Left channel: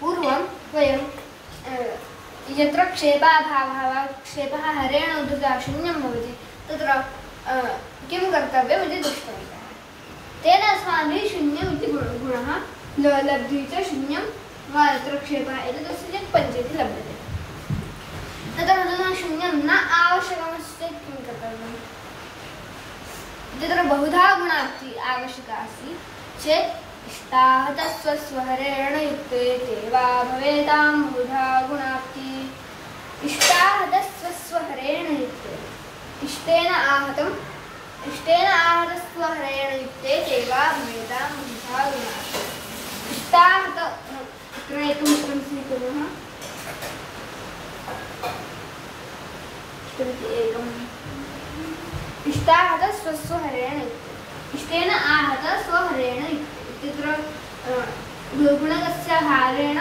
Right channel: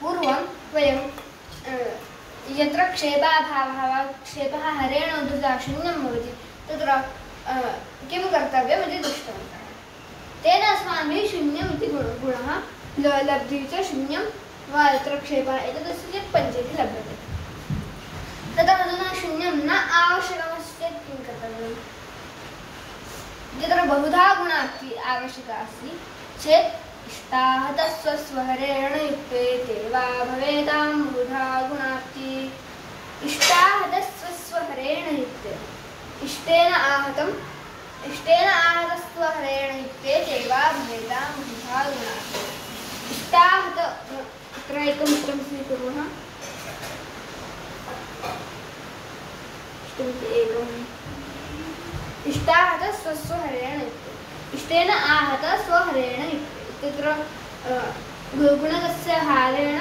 पूर्वं वयं यत्र क्षेपाभावः वा क्षेपः हरेण उद्धृतः शून्यं भवति तत्र किं कर्तव्यम् इति दृष्टवन्तः। तेन अस्माभिः शून्यम् इति गुणः लब्धिः च शून्यं वा यत्र क्षेपः एतदस्य चेत् पञ्चेति लभ्यते। तत्र अधुना शून्यं न आवश्यकमस्ति चेत् किं कर्तव्यम्? तत्र बहुधा गुणाक्ति आवश्यका अस्ति चेत् इष्टाहतस्वहरेण युक्ते ते वा भवेतां बहुधा गुणाक्ति। इष्टाहतस्वहरेण युक्ते इष्टेन आहतस्वहरेण युक्ते ते वा भवेतां बहुधा गुणाक्ति। इष्टाहत अत्र एकम् इष्टं स्वीकुर्मः। इष्टाहत स्वहरेण युक्ते इष्टेन आहत स्वहरेण युक्ते इत्यत्र गुणकस्य हारेण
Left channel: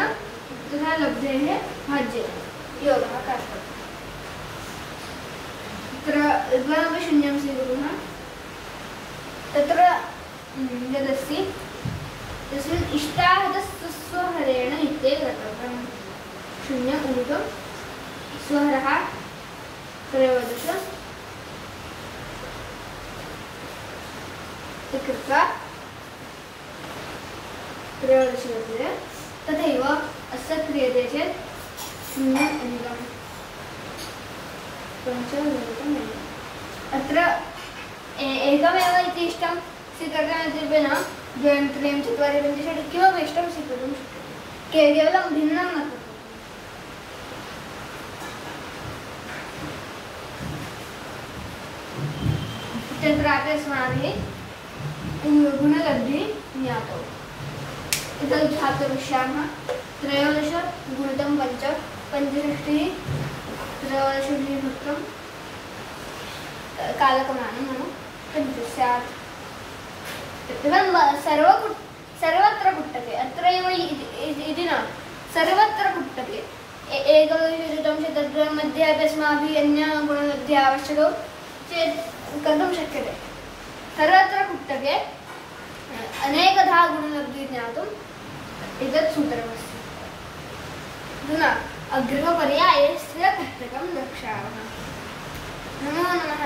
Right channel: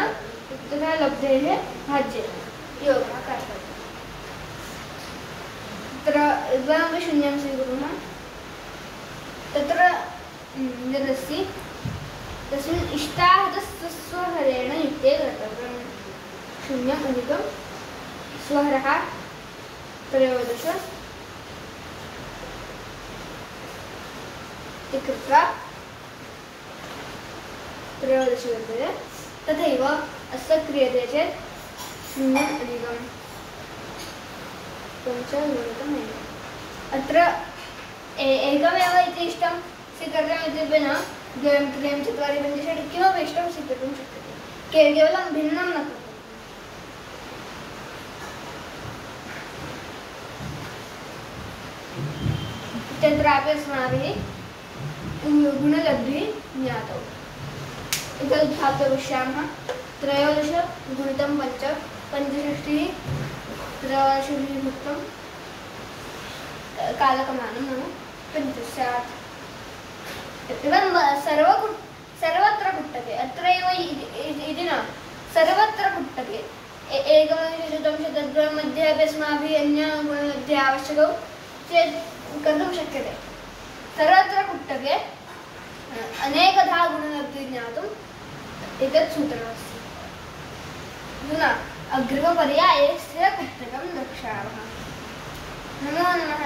तथा लब्धेः भाज्येन योगः कर्तव्यः। तत्र द्वयमपि शून्यं स्वीकुर्मः। तत्र यदस्ति तस्मिन् इष्टाहतस्वहरेण युक्ते कर्तव्यं। शून्यम् अधिकं स्वहरः 13 कृत्वा 13 वर्तते। तथैव अस्य क्रियते चेत् शून्यम् अधिकं 5 अत्र एकमेव इति इष्टं स्वीकर्तव्यम् इति न 2 3 4 5 6 किमपि इष्टं स्वीकर्तुं शक्यते। केवलं भिन्नं न कर्तव्यम्। तत्रापि अस्माभिः गुणलब्धिः ज्ञातौ। इदं ध्यातुमिष्यामः। 13 गुणितं 5 65 13 भुक्तं कालकमानं नाम 5 स्यात्। एवं सर्वत्र कुट्टके अत्रैव इति न सर्वत्र कुट्टके एकविंशतिशतं शतद्वयं मध्ये अपि अस्माभिः अन्यगुणलब्धिः आवश्यकौ चेत् कर्तुं शक्यते। सर्वत्र कुट्टके अनेकधा गुणलब्धिः ज्ञातुम् एतत् सूत्रमस्ति। अधुना अग्रिमपर्याये स्थिरकुट्टकं द्रक्ष्यामः। नमो नमः।